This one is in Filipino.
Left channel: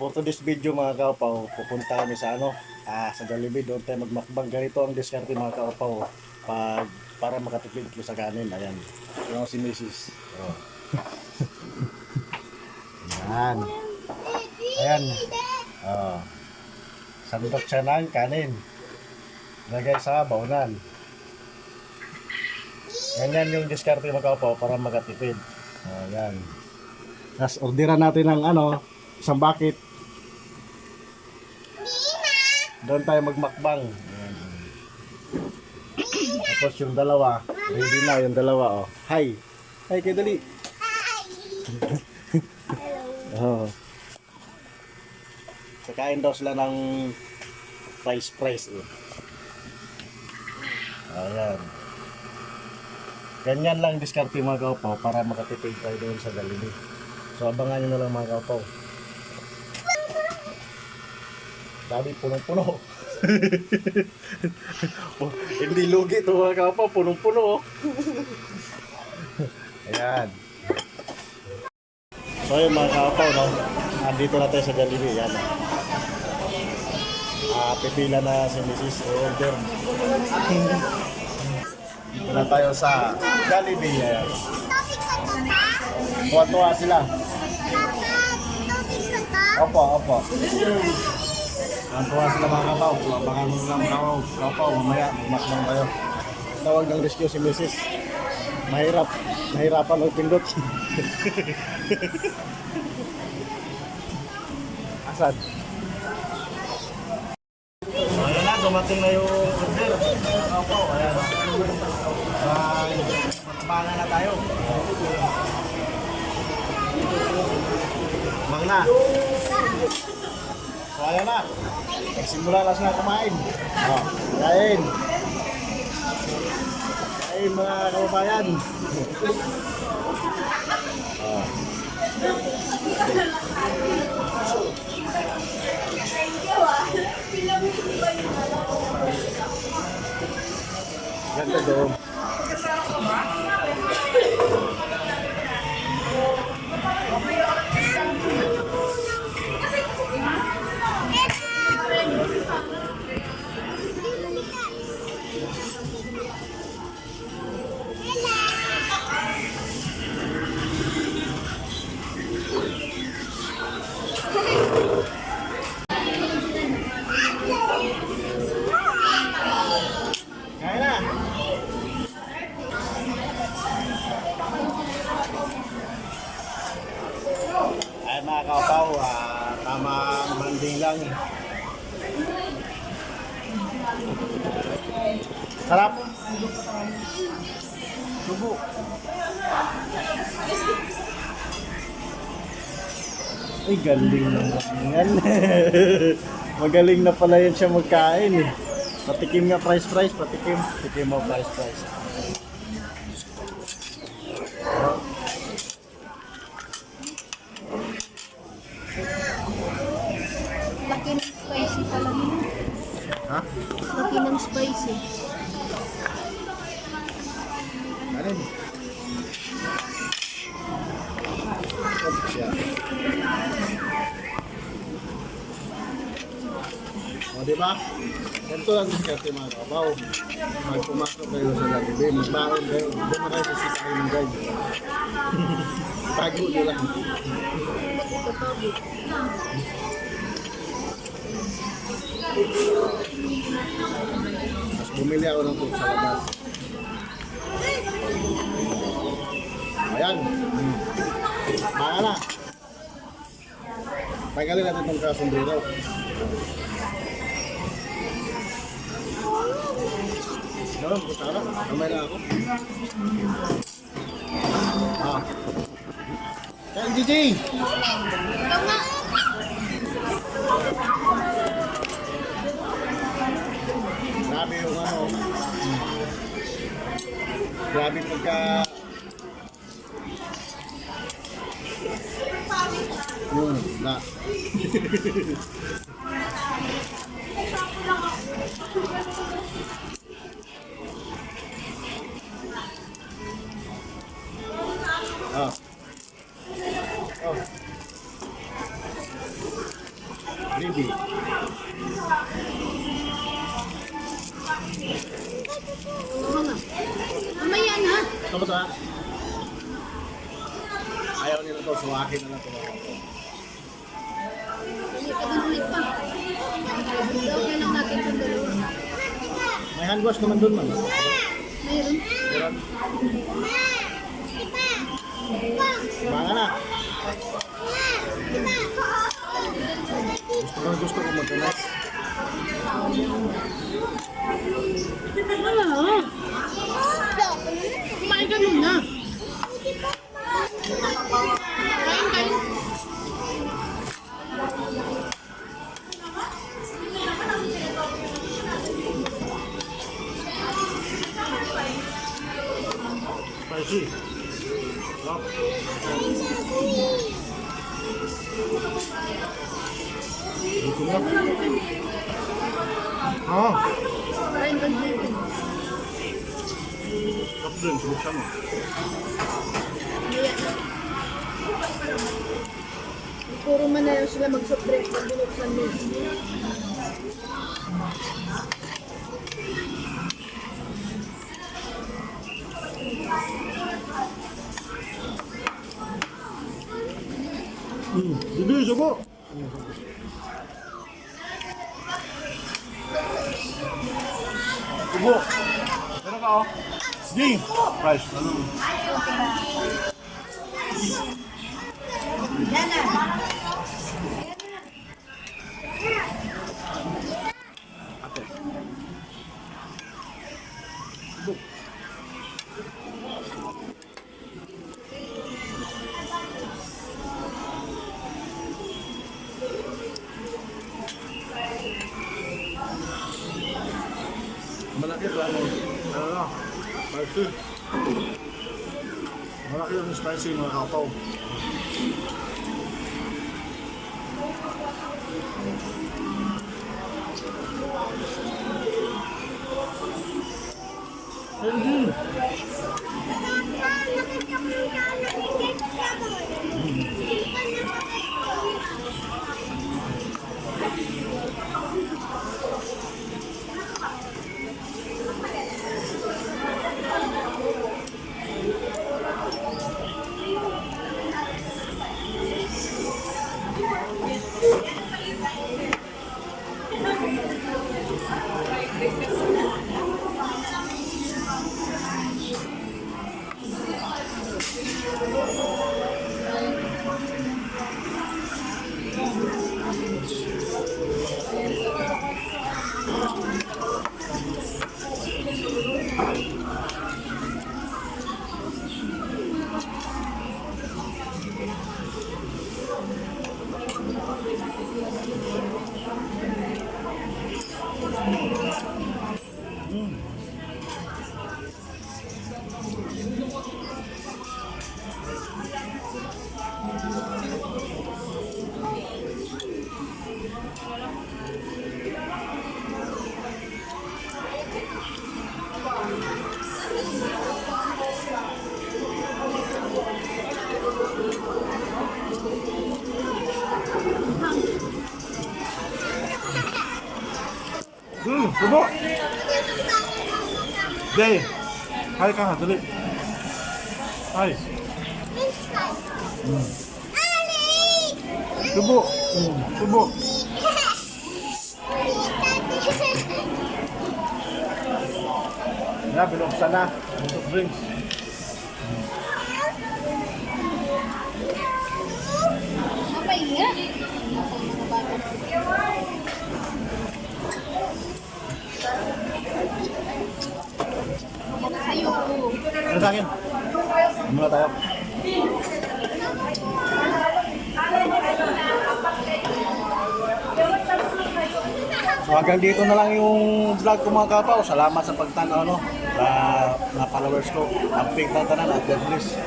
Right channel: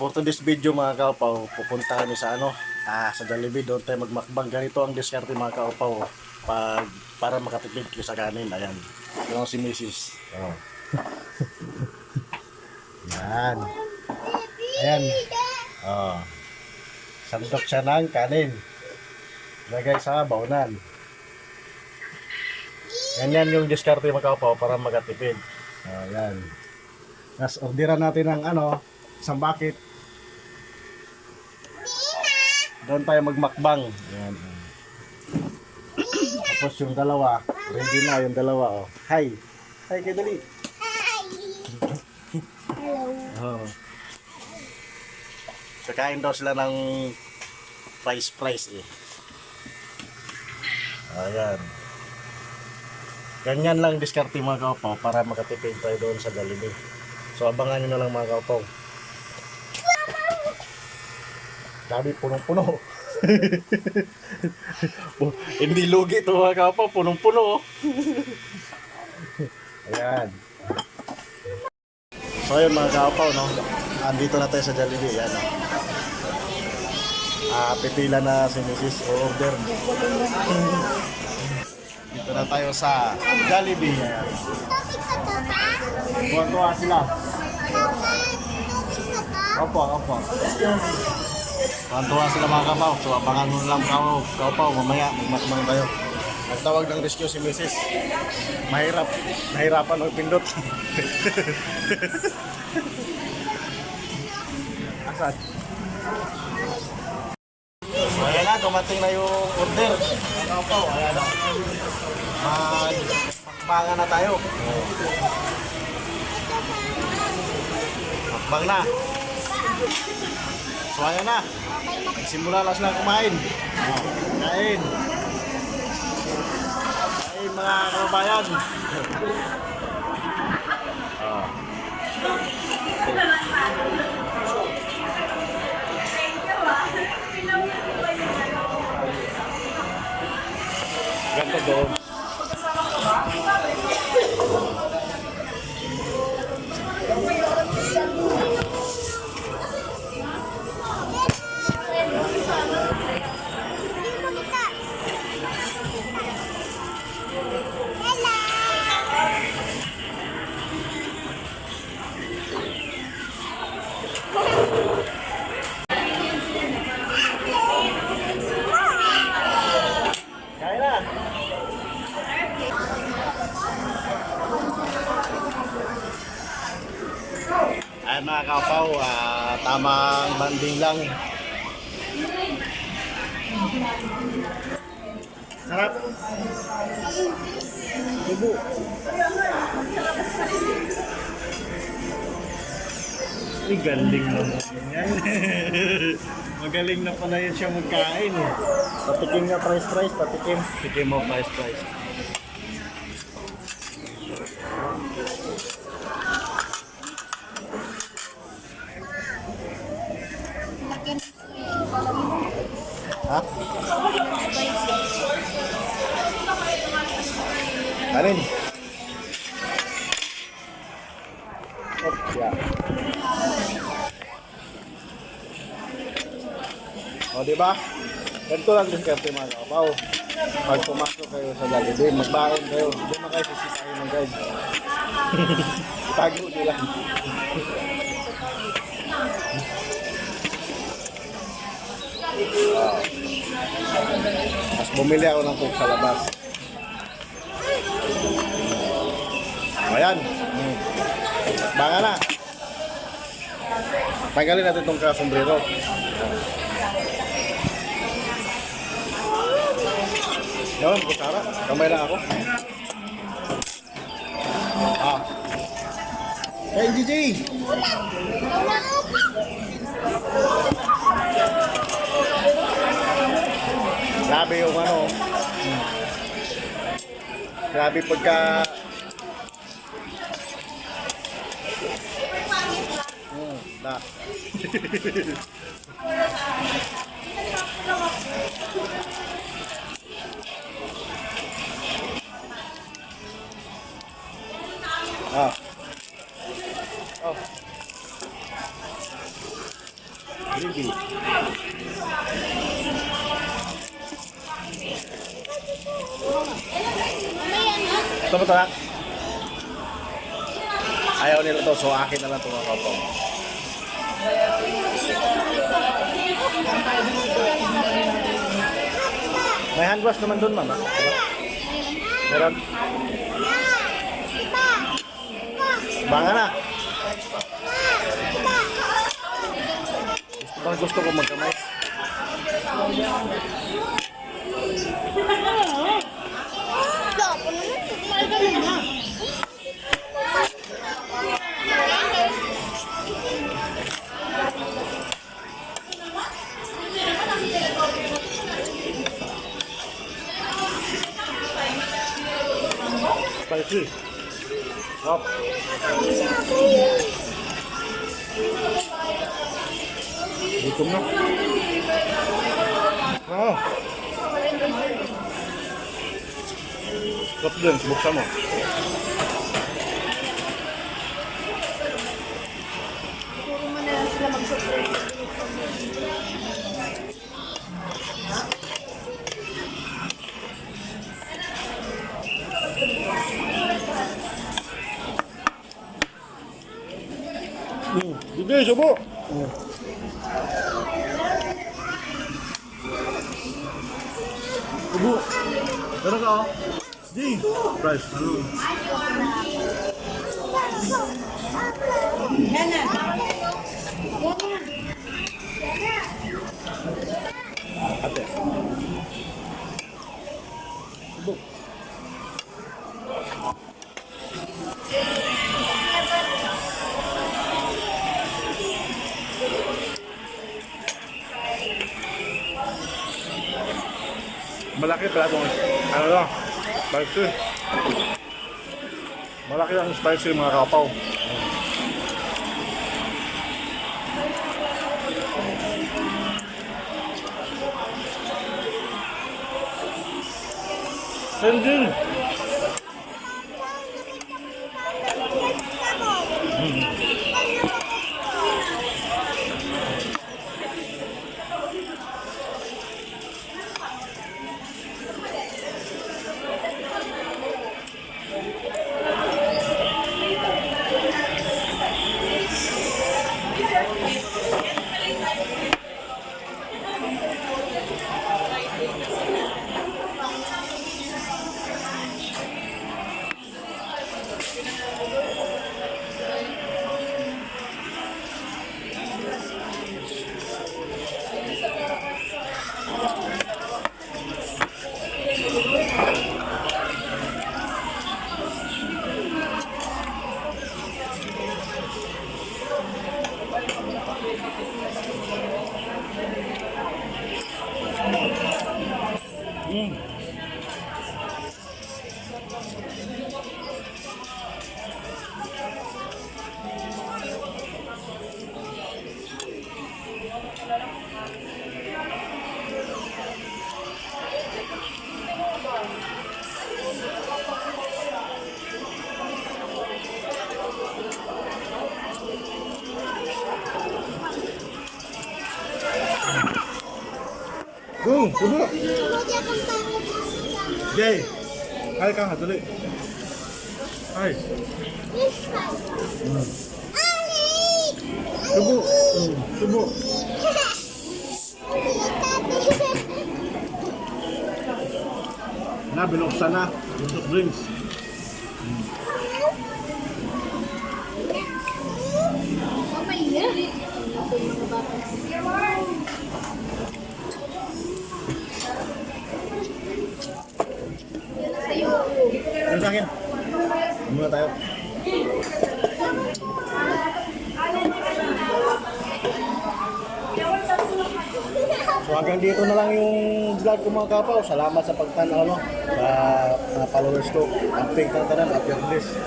For today's video mga kaupaw, pupunta kami sa sa Jollibee. Doon tayo magmakbang. Ganito ang diskarte mga kaupaw para makatipid kayo sa kanin. Ayan, yung si Mrs. Oh. Ayan. Ayan. Oh. Sandok siya ng kanin. Lagay sa baunan. Ganyan yung diskarte mga kaupaw para makatipid. Oh, ayan. Tapos orderan natin ng isang bucket. Doon tayo magmakbang. Ayan. Tapos yung dalawa, ready na yung dalawa. Oh. Hi! Hi kayo dali! Hi! Hello! Oh. Kakain daw sila ng fries eh. Ayan. Ganyan lang diskarte mga kaupaw para makatipid tayo doon sa Jollibee. So abangan nyo na lang mga kaupaw. Sabi punong-puno. Hindi lugi ito mga kaupaw, punong-puno. Ayan. So yun mga kaupaw, no? Andito na tayo sa Jollibee. Ayan. Pipila na si Mrs. Order. Dito na tayo sa Jollibee. Ayan. Tuwa-tuwa sila. Opo. Tuwa sila mga kapaw. So abangan mo lang kapaw. Mamaya magmakbang tayo. Nagtawag ng rescue si Mrs. Nahirapan ang pindot. Asad. So ayan na, dumating na yung order. Kapaw, ayan o. Magmakbangan na tayo. Makbang na. So ayan na. Nagsimula lang sila kumain. Kain. Kain mga kababayan. Ganda doon. Ay mga kaupaw, tamang banding lang. Sarap. Tubo. Ay, galing naman yan. Magaling na pala yan siya magkain eh. Patikim nga price, patikim. Patikim mo price. Laki ng spicy pala mo. Ha? Laki ng spicy. Kanin. Yeah. O, diba? Ganito lang diskarte mga kapaw. Pag pumasok kayo sa Jollibee, magbaon kayo. Hindi na kayo sisitahin ng guide. Itago nyo lang. Mas bumili ako ng coke sa labas. Ayan. Baka na. Tanggalin natin itong kasombrero. Gawin, kusara. Kamay lang ako. Hey, GG! Grabe yung grabe pagka na Oh. Bibi. Mamaya na. Ito ba ito ha? Ayaw nila to, so akin na lang ito mga kapaw. May hand wash naman dun, ma'am. Meron. Banga na. Gusto ko magkamay. Kumain ka na. Spicy. Wow. Gutom na. Ah. Stop din, buksan mo. Puro man na lang sila mag-support. Magbulok lang din. Bibi, subo. Subo. Pero ka oh. Jing. Price. Ano? Ate. Subo. Malaki pa mo. Ano lang? Spicy. Malaki ang spicy mga kapaw. Sendin. Subo. Jay. Hai ka, dali. Hai. Subo. Subo. Na, binuksan na. Untuk drinks. Mamaya. Ako mga bata. Ano sa akin? Muna tayo. So hanggang dito na lang yung vlog ko mga kapaw. Salamat sa pagtanaw, no? Sa mga followers ko. Ang big tantanan at God bless.